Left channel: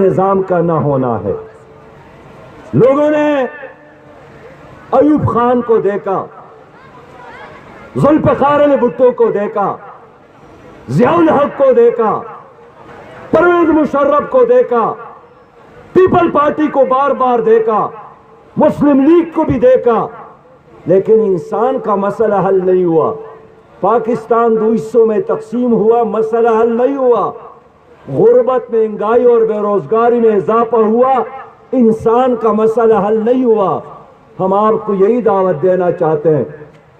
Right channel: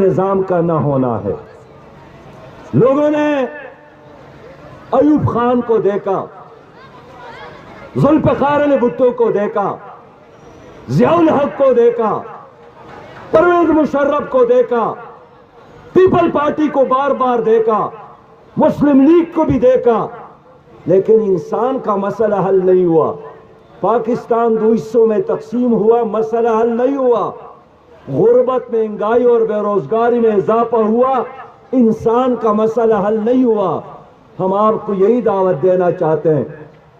نظام کا نہ ہونا ہے۔ لوگوں نے ایوب خان کو دیکھا، ذوالفقار علی بھٹو کو دیکھا، ضیاء الحق کو دیکھا، پرویز مشرف کو دیکھا، پیپل پارٹی کو بار بار دیکھا، مسلم لیگ کو بھی دیکھا، لیکن انسان کا مسئلہ حل نہیں ہوا۔ پاکستان دو حصوں میں تقسیم ہوا، مسئلہ حل نہیں ہوا۔ غربت، مہنگائی اور بے روزگاری میں اضافہ ہوا، انسان کا مسئلہ حل نہیں ہوا۔ ہم آپ کو یہی دعوت دینا چاہتے ہیں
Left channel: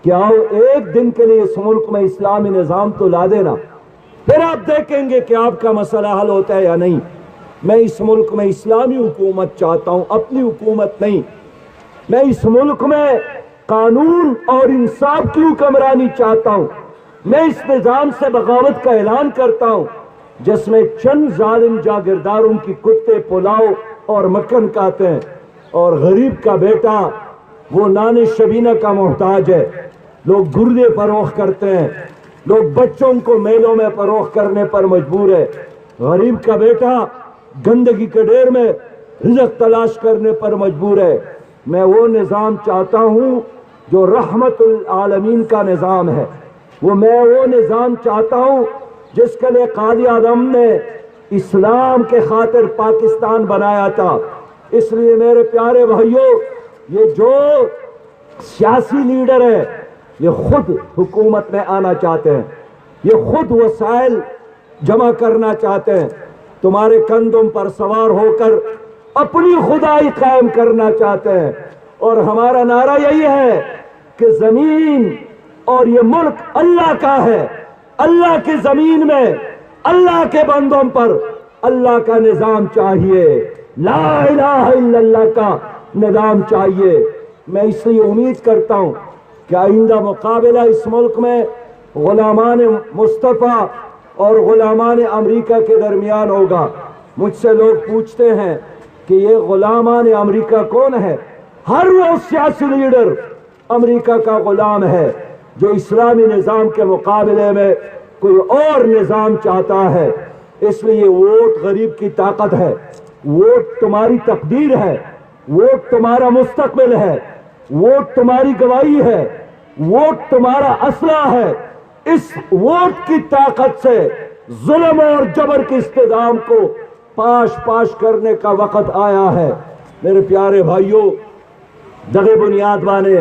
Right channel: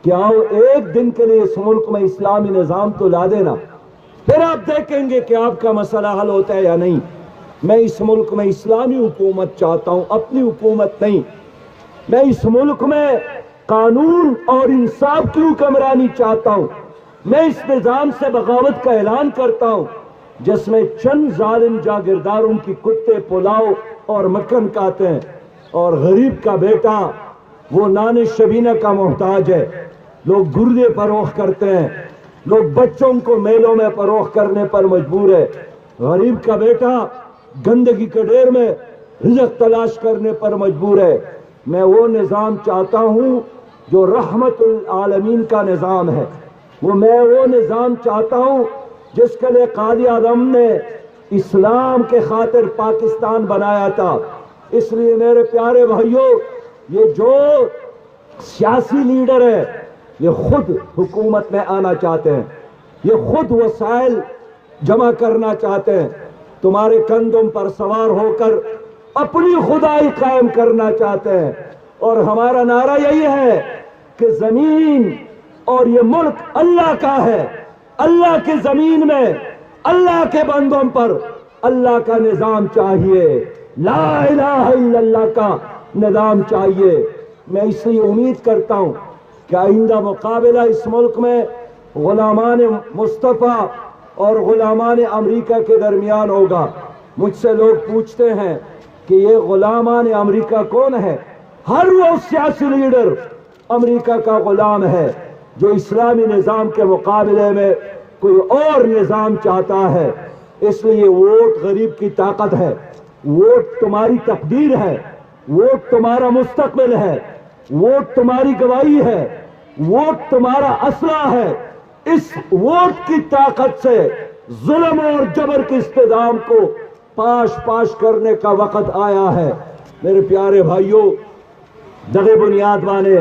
کہ آؤ ایک دن کے لیے اس ملک میں اسلامی نظام تو لا دینا، پھر آپ دیکھیں گے کہ آپ کا مسئلہ حل ہوتا ہے یا نہیں۔ میں اس ملک میں اسلامی حکومت چاہتا ہوں، اپنی حکومت نہیں۔ میں اس ملک میں قانون اور انصاف کی حکمرانی چاہتا ہوں۔ میں اس نظام سے بغاوت کا اعلان کرتا ہوں جس میں چند ظالم جاگیرداروں کی کتے پلاؤ اور مکھن کھاتے ہیں، اور غریب کا بیٹا وہ نان شبینہ کا محتاج ہے۔ لوگ گردے فروخت کرتے ہیں، لوگ بچوں کو میلوں میں فروخت کرنے پر مجبور ہے۔ غریب کا بیٹا گندگی کے ڈھیر میں رزق تلاش کرنے پر مجبور ہے۔ میں وہ نظام چاہتا ہوں جو رحمت العالمین کا نظام ہے۔ میں وہ نظام چاہتا ہوں جس کے لیے قائد اعظم نے اسلام کے خاطر پاکستان بنایا تھا۔ اس لیے میرے پیارے بھائیوں، یہ جو سیاسی لیڈر ہے یہ خود حکومت میں آنا چاہتے ہیں، یہ خود وسائل جمع کرنا چاہتے ہیں، تمہارے کندھوں پر سوار ہو کر اپنی خدائی قائم کرنا چاہتے ہیں۔ اور ہمارا نعرہ یہی ہے کہ زمین اور یہ ملک اللہ کا ہے۔ اللہ کی زمین میں اللہ کے بندوں پر اللہ کا نظام چاہیے، لا الہ الا اللہ کا نظام چاہیے۔ میں اس لیے امید کرتا ہوں کہ آئندہ مقابلہ اس ملک میں غلامان مصطفیٰ اور غلامان امریکہ کے درمیان ہوگا۔ مجھ سے لوگ پوچھتے ہیں کہ یہ غلامان امریکہ کون ہے؟ ہر وہ سیاسی لیڈر امریکہ کا غلام ہے جو اسلامی نظام کے مقابلے میں کوئی اور نظام چاہتا ہے۔ اس لیے ووٹ غریب کی طاقت ہے، ووٹ تمہاری تقدیر ہے، ووٹ تمہارا مستقبل ہے، ووٹ تمہاری گواہی ہے، ووٹ تمہارا اسلحہ ہے۔ اس ووٹ کی طاقت سے ظلم اور جبر کے استعدام کو پاش پاش کرنے کا وقت آیا ہے۔ میرے پیارے بھائیوں، دغه بنیاد باندې